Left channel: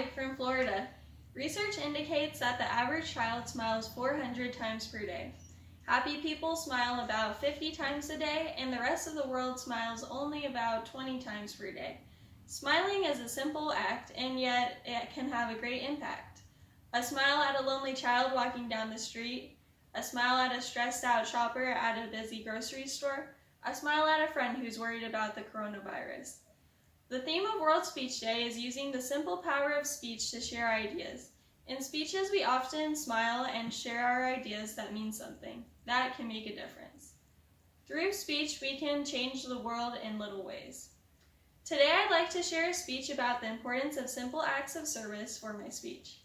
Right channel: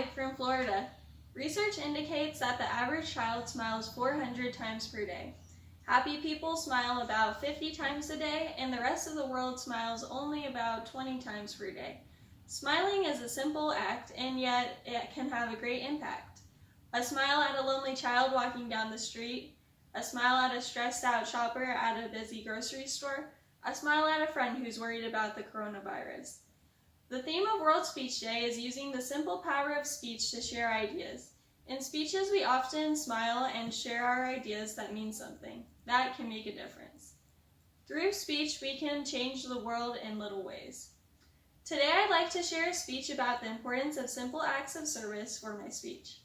Hi from Florida. Research indicates that the average child smiles 400 times per day. Happy people smile about 50 times a day, and the rest of the world smiles only about 20 times per day. Smiling is a simple act, and yet it can have a great impact. A smile at a lonely child walking down the street, a smile at a stressed out shopper at a busy grocery store, a smile at a friend who's worried about the coronavirus. The theme of World Speech Day is using the simple power of speech to share ideas. In speeches, we often smile and share our ideas that mean something. That can make a difference. Through speech, we can change the world in little ways. Today, I'd like to share a speech about the importance of simple acts of service for my speech.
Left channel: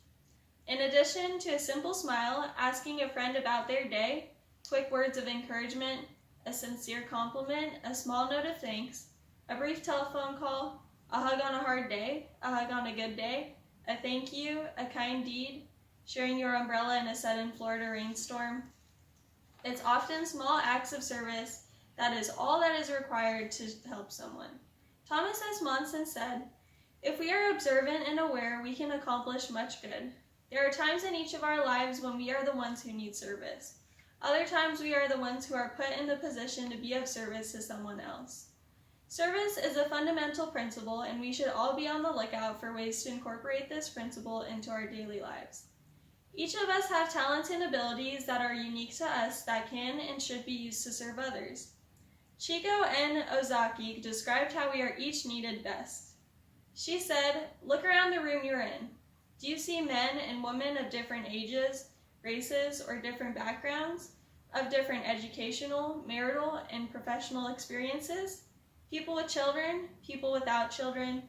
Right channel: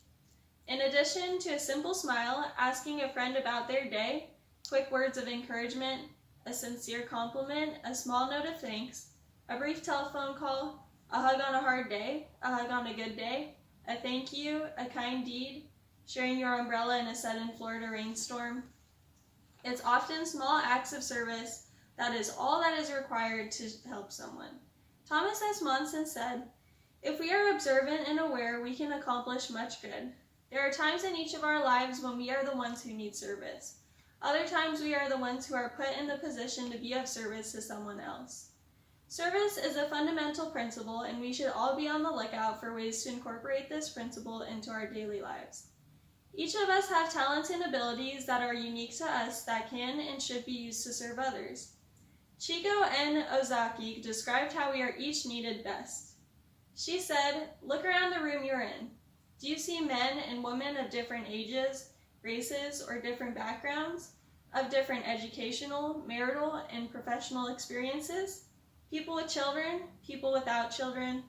In addition to a simple smile, asking a friend about their day, quick words of encouragement, a sincere compliment, a small note of thanks, a brief telephone call, a hug on a hard day, a hug on a good day, a thank you, a kind deed, sharing your umbrella in a sudden Florida rainstorm. It's often small acts of service that is all that is required to help someone. Thomas S. Monson said, "If we are observant and aware, we can accomplish much good. There are times in each of our lives when we are the ones who need service. Other times we are the ones who are put in the position to be of service to someone else." Service is a fundamental principle, and we should all be on the lookout for ways to incorporate this principle into our daily lives. Each of us have talents and abilities that are unique to us that can and should be used to serve others. Chiko N. Ozaki described how we are each needed best. She said, "Look around the room you're in. Do you see men and women of different ages, races, or different backgrounds, of different educational, marital, and professional experiences? People with children, people without children.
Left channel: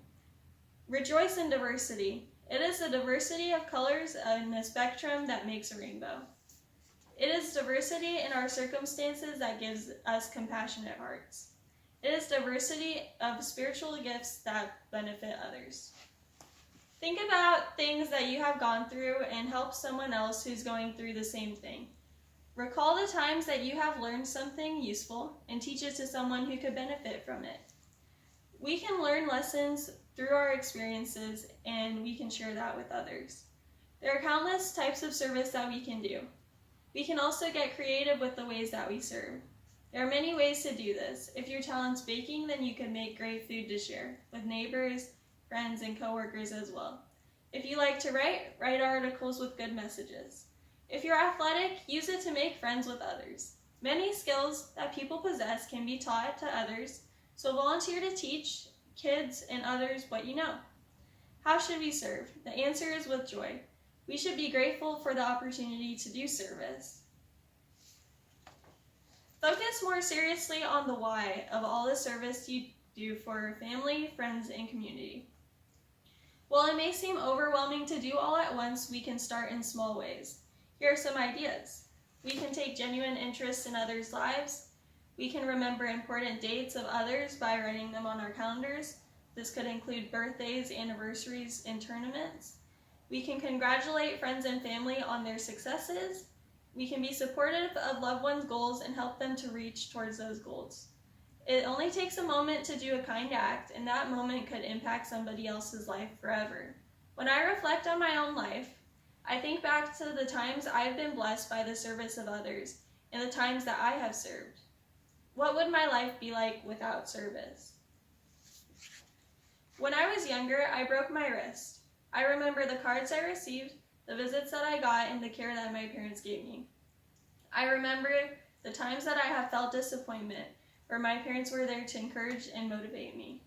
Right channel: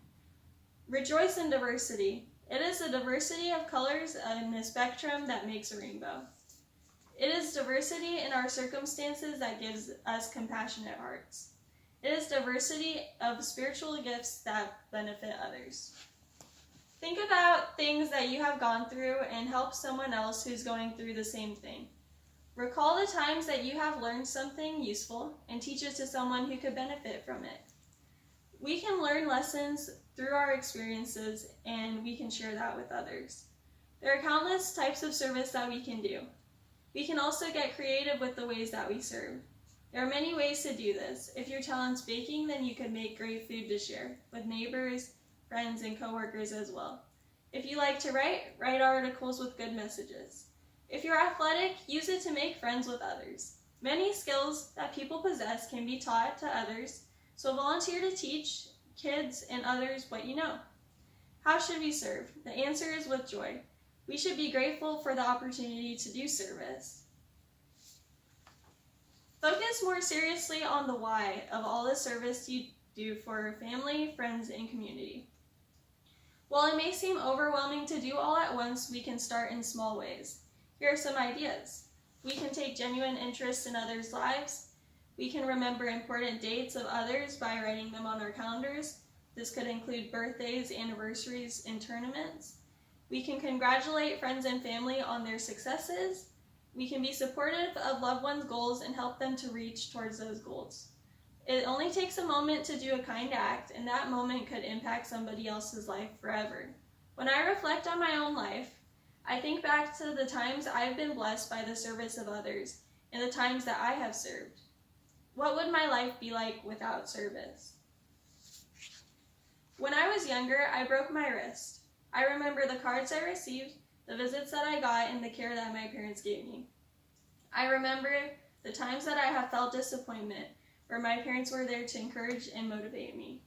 Rejoice in diversity. It is the diversity of colors in the spectrum that makes a rainbow. It is diversity in our circumstances that gives us compassionate hearts. It is diversity of spiritual gifts that benefit others." Think about things that you have gone through and help someone else who's going through the same thing. Recall the times that you have learned something useful and teach it to someone who could benefit from it. We can learn lessons through our experiences, and we can share that with others. There are countless types of service that we can do. We can also get creative with the ways that we serve. There are many ways to do this. If your talent's baking, then you can make great food to share with neighbors, friends, and coworkers as well. If you like to write articles with good messages. If you're athletic, use it to make friends with others. Many skills that people possess can be taught to others, so volunteer to teach kids and others what you know. How should we serve? The answer is with joy. We should be grateful for the opportunity to do service. Focus more seriously on the why of all the service you do for family, friends, and community. While it may seem overwhelming to do all at once, we can start in small ways. Here are some ideas. We can take genuine interest in others' lives. We can remember important dates of others by writing them on our calendars. This could include birthdays, anniversaries, and tournaments. We can congratulate friends and family on their successes. We can be supportive of loved ones' goals and help them to reach towards those goals. It only takes a moment to do a kind act, and that moment could impact somebody else's life forever. When I reflect on my own life, I think back to the times I've been blessed by the service of others and the times that I have served. What would my life be like without service? When I was younger, I broke my wrist. I remember the cards I received, the visits that I got, and the care that my parents gave me. I remember the times that I have felt disappointment, where my parents were there to encourage and motivate me.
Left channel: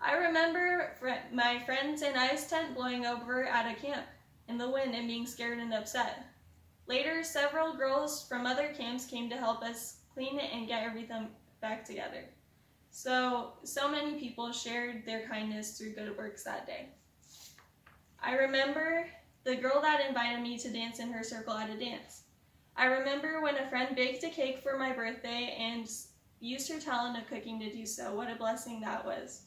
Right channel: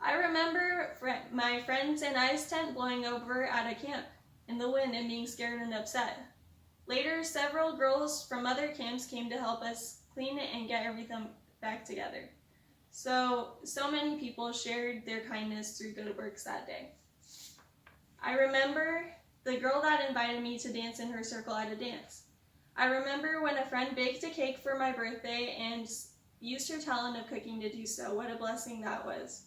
I remember my friends and I's tent blowing over at a camp in the wind and being scared and upset. Later, several girls from other camps came to help us clean it and get everything back together. So many people shared their kindness through good works that day. I remember the girl that invited me to dance in her circle at a dance. I remember when a friend baked a cake for my birthday and used her talent of cooking to do so. What a blessing that was.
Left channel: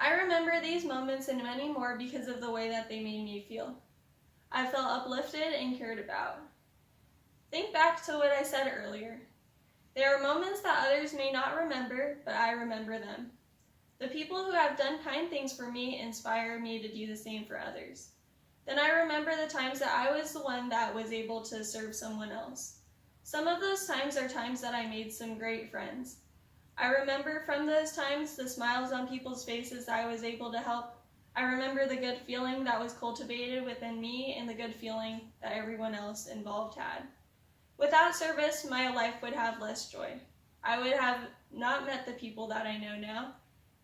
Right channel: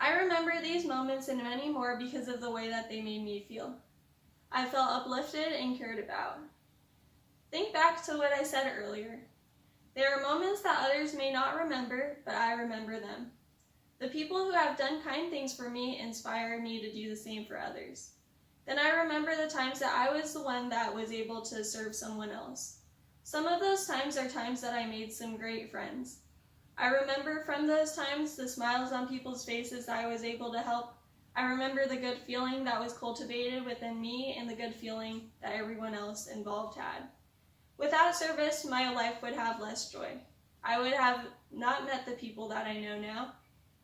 I remember these moments and many more because of the way that they made me feel. I felt uplifted and cared about. Think back to what I said earlier. There are moments that others may not remember, but I remember them. The people who have done kind things for me inspire me to do the same for others. Then I remember the times that I was the one that was able to serve someone else. Some of those times are times that I made some great friends. I remember from those times the smiles on people's faces that I was able to help. I remember the good feeling that was cultivated within me and the good feeling that everyone else involved had. Without service, my life would have less joy. I would have not met the people that I know now,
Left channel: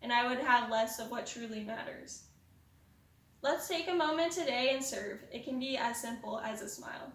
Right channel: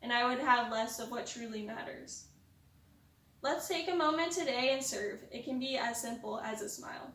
and I would have less of what truly matters. Let's take a moment today and serve. It can be as simple as a smile.